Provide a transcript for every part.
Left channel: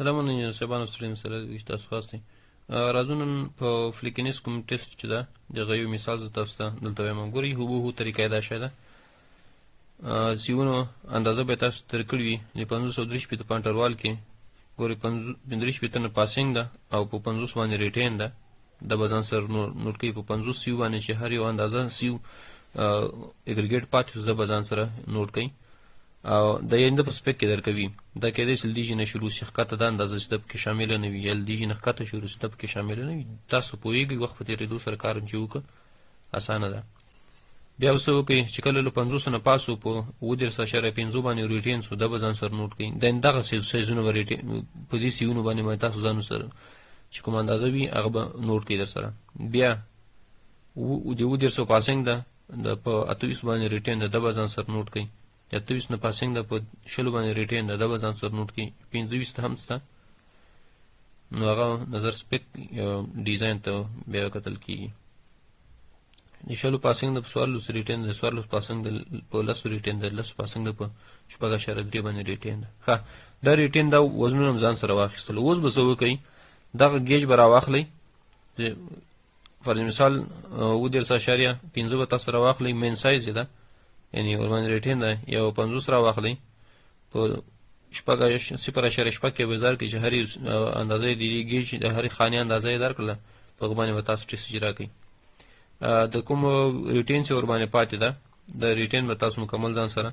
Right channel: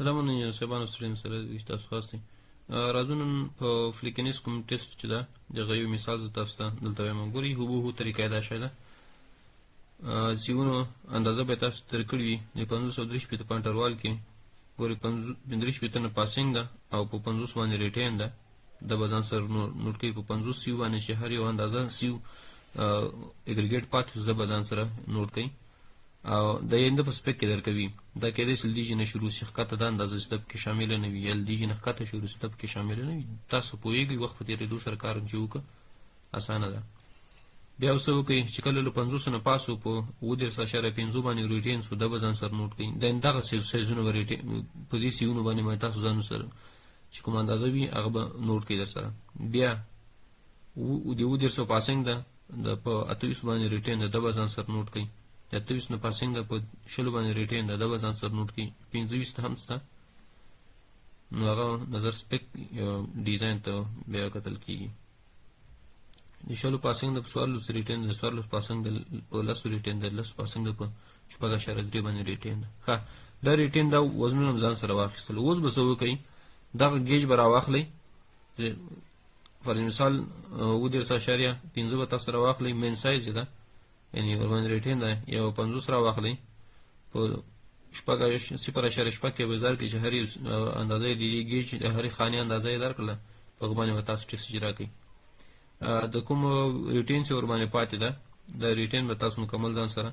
سلامونه سبانو ستریم سره وي تاسو خاصه راځو نن په فلیکنس کوم ټیسټ چې ده دغه یو مثال زه تاسو ته دلته وایم ګورئ هوبهو طریقه یې دا شی ده سیونو اندازه به تاسو درکړې وي د 533 په انټروال کې ګورئ 35 نه پاسینګ ده او په 50 باندې ریټین ده د بزن سر نوٹ کوي په 50 سیو باندې چې هر یو اندازه سیو اګریګیټ پاتې زه بزن سره نوٹ کوي او د ینده په سپیک کې درکوي دا کېدای شي لدیجې نه شروع شي ښکته د اندازه چې د پکې شامله نه وي یا لدیجې نه ښکته شروع شي د پکې شامله نه وي تاسو پوهېږئ وخت په تېرېدو سره کار چې وکړه اسانه ده بیا څه وکړئ چې کله له 50 نه پاسو په 9.5 باندې ریټین سو د بزن سره نوٹ کړئ دغه سیزونه به په دې سیونو باندې به تاسو ځانو سره چې کوم اندازه وي هغه به نوٹ کړئ در سره بیا د 9.5 پاسینګ ده په 28 باندې ریټین د بزن سره نوٹ کړئ 28 نه پاسینګ ده په 20 باندې ریټین ده د بزن سره نوٹ کړئ 25 هم شته نو هغه نظر سپیک ډیزاین ته بیا کتل کېږي د 20 پاسینګ د 14 ریټین د 14 پاسینګ د 10 ریټین د 10 پاسینګ د په 4.3 باندې ریټین ده ښه دا ریټین دا وزنونه ځان سره واخیستل اوس به څه وکړئ دغه گیج به راواخلئ فرض مثال 9.5 به تاسو راواخلئ مین سایز یې ده یعنی ورباندې ریټین ده یو 50 راواخلئ په 0.6 کې به ځار کې چې هرې اندازه د دې گیج د هرې خانې اندازه یې درکړله په هغه باندې به تاسو ټیسټ اجرا کړئ د کوم ریټین چې ورباندې پاتې ده د ریټین به تاسو مکمل ځان سره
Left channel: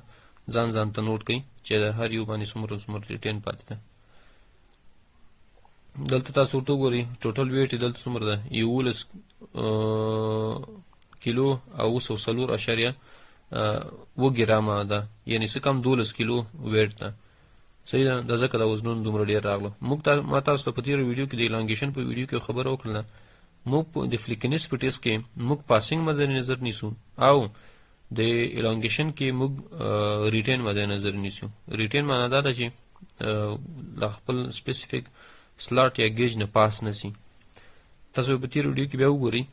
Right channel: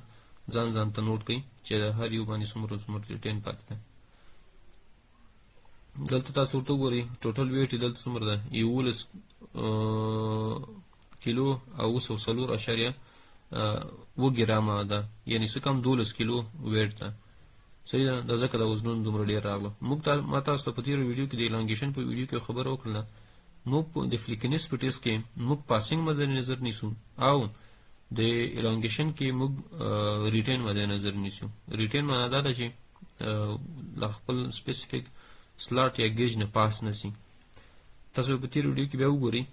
ځان ته نوٹ کړئ چې د هر یو باندې څومره ریټین پاتې ده دلته تاسو ورته وګورئ ټوټل ویټ دلته څومره ده 11 کیلو او 104.8 ګرامه ده یعنی څه کم 12 کیلو ویټ ده صحیح ده د ځکه د وزنونو دومره ډېر راغلو موږ ما تاسو ته په تېرو ویډیو کې د الانګیشن په ویډیو کې خبره وکړله موږ د فلیکنس په ټیسټ کې موږ پاسینګ مد نظر نیسو او د الانګیشن کې موږ ریټین مد نظر نیسو ریټین معنا دا ده چې د خپل سپیسیفیک سلاټ یا گیج نه پاس نسی تاسو په تېرو ویډیو کې بیا وګورئ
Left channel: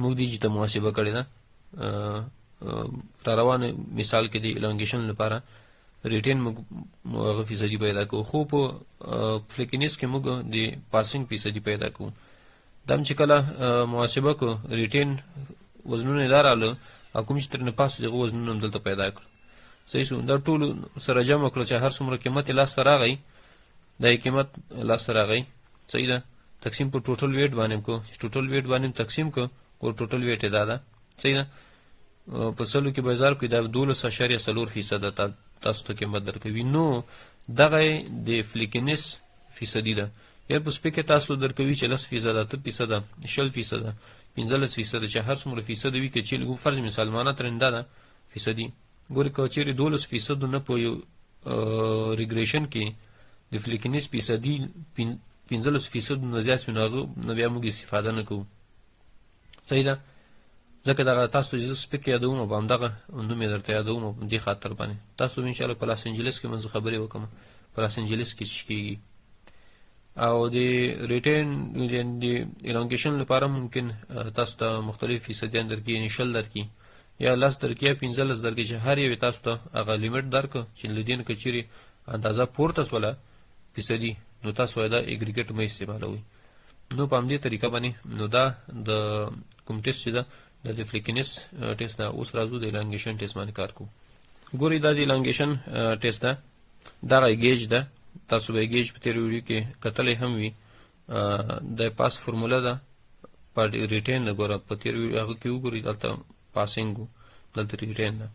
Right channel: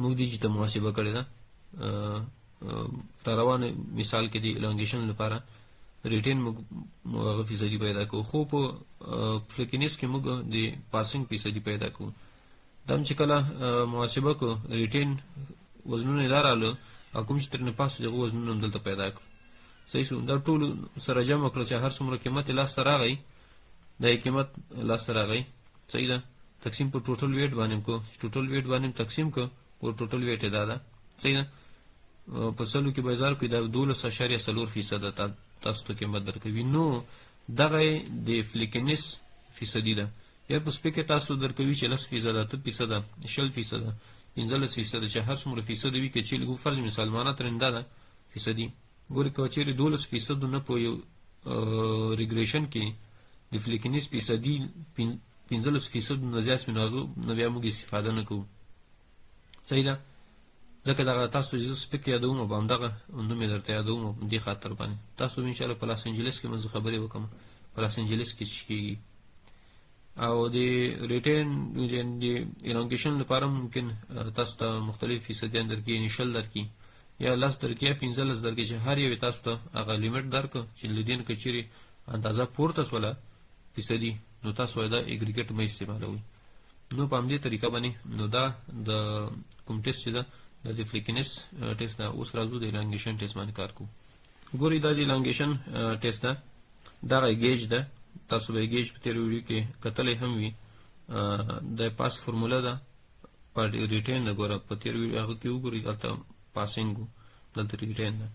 موږ دې ته محاسبه کړې ده را روانه مثال کې د الانګیشن لپاره ریټین موږ هغه فیصدي پیدا کوو خو په فلیکنس کې موږ د پاسینګ فیصدي پیدا کوو دا چې کله محاسبه کو ریټین وزنونه دار اله کوم چې تر نه پاسو دغه وزنونه دلته پیدا کړ صحیح شو دا ټول سره جمع کړل چې هر څومره قیمت لاس راغی دا قیمت لاس راغی صحیح ده تقسیم په ټوټل ویټ باندې کو ټوټل ویټ باندې تقسیم کو او ټوټل ویټ دا ده صحیح ده په سلو کې بازار کې دا 12.4% تاسو ته قیمت درکوي نو دغه د فلیکنس فیصدي ده یا په سپیک تاسو درکوي چې 10% 20% 15% چې هر څومره فیصد وي کې چې لګو فرض مثال معنا ترنده ده فیصدي ګورې که چیرې 12% نه په ریګریشن کې د فلیکنس فیصدي 15% نه زیات شي نو بیا موږ استفاده نه کوو صحیح ده ځکه دغه تاسو چې زه سپیک یادوم او همدغه نوم یې درته یادوم دې خاطر باندې تاسو انشاءالله په لاس انجلس کې منځ خبرې وکړم په لاس انجلس کې چې کېږي او د ریټین د الانګیشن لپاره ممکن تاسو ته مختلف فیصدیان درکړي انیشل درکړي یا 10 درکړي یا 15 درکړي چې هر یو تاسو ته هغه لیمټ درکړه چې له دې نه که چیرې اندازه پورته شوله فیصدي نو تاسو دا اګریګیټ مه استعمالوئ نو په همدې طریقه باندې نو دا د کوم ټیسټ چې ده د فلیکنس ټیسټ ده اوس راځو د الانګیشن ټیسټ باندې کار کوو ګورئ دا د الانګیشن ټیسټ ده دغه گیج ده تاسو به گیج په تېرو ویډیو کې کتلی هم وي د پاس فرموله ده پر ریټین ده ګوره په تېرو ویډیو هغه کې وګورئ دلته پاسینګ و دلته ریټین ده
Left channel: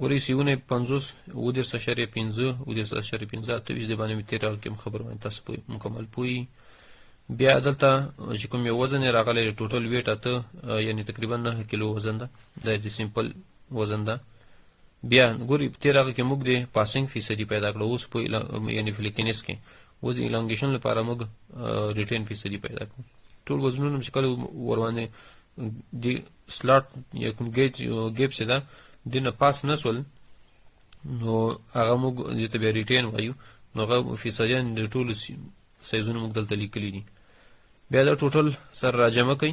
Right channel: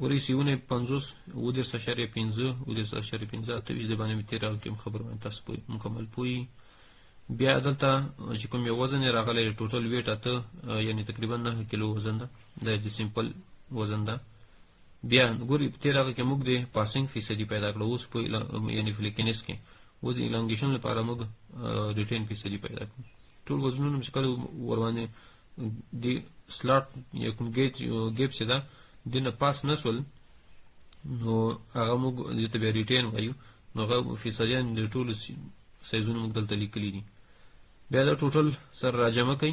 ګورئ سیونه 50 9.5 د باندې مې تېر هغه کې خبر باندې تاسو مکمل پوهی بیا دلته چې کوم یو وزن راغلی ټوټل ویټ اته یعنی تقریبا 9 کیلو وزن ده د سیمپل وزن ده بیا ګورئ په تېر هغه کې موږ د پاسینګ فیصدي پیدا کړو اوس په یعنی فلیکنس کې اوس د الانګیشن لپاره موږ ریټین فیصدي پیدا کړو ټول وزنونه چې کله ورباندې د سلاټ یا کوم ګیپ چې ده د نه پاس نه شول نو هغه موږ دې ته بیا ریټین وایو نو هغه فیصدیان د ټولو سایزونه موږ دلته لیکلي دي بیا دا ټوټل سره راجمع کوئ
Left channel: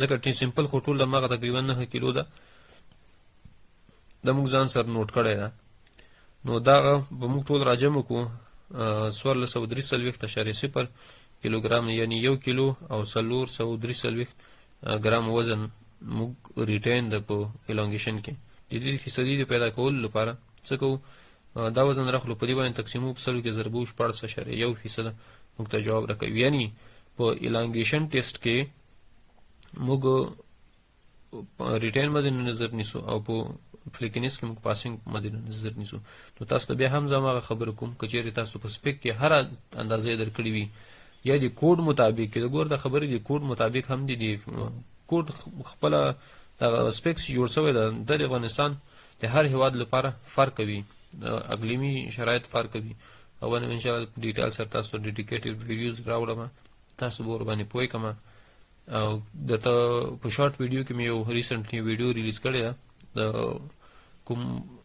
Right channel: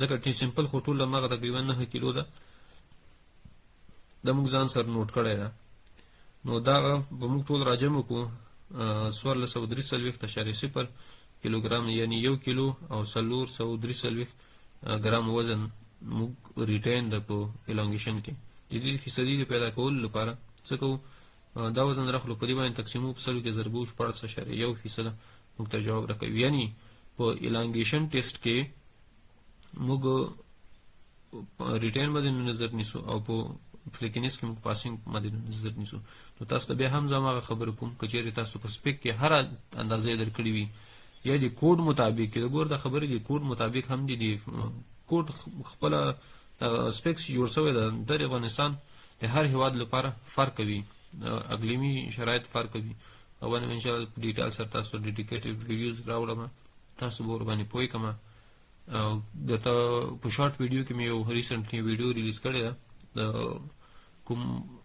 ځکه سمپل خو ټول هماغه تقریبا 9 کیلو ده د موږ ځان سره نوٹ کړی ده نو دغه به موږ ټول راجمع کړو 1443.0 کیلوګرام یعنی 1 کیلو او 443 ګرام وزن موږ ریټین د په الانګیشن کې د دې فیصدي د پیدا کولو لپاره څه کوو دا وزن راخلو په دې باندې تقسیمو په سلو کې ضربو 14.1% موږ ته جواب راکوي یعنی په الانګیشن ټیسټ کې موږ ریټین مد نظر نیسو او په فلیکنس کې موږ پاسینګ مد نظر نیسو نو تاسو ته بیا هم زما خبر کوم کچېرې تاسو په سپیک کې هر اندازې درکړي وي یا د کوډ مطابق د ګور د خبرې د کوډ مطابق هم دي کوډ خپل سپیکس جوړ شوی د افغانستان د هر هیواد لپاره فرق کوي اقلیمی شرایط فرق کوي او ان ان شاء الله ډیټیل سره تاسو ډیډیکیټډ ویډیوز راوړم تاسو به ور باندې پوي کما د په شارټ ویډیو کې مې یو ریسنټلی ویډیو ریلیز کړی د کوم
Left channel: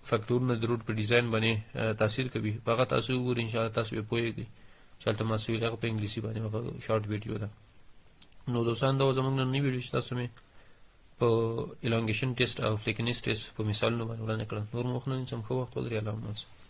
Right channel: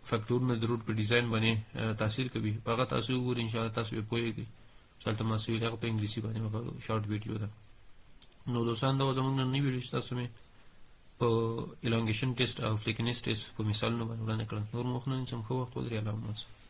فیکټورونه د روټ په ډیزاین باندې تاثیر کوي هغه تاسو ور ان شاء الله تاسو به پويږئ چلته ما سوي هغه په انګلیسي باندې هغه شارټ ویډیو ده نو دوستان دا زموږ نن ویډیو تاسو مې په الانګیشن ټیسټ او فلیکنس ټیسټ په مثالونو باندې وړاندې کړم نور مخ نن سم خو وخت ولري الله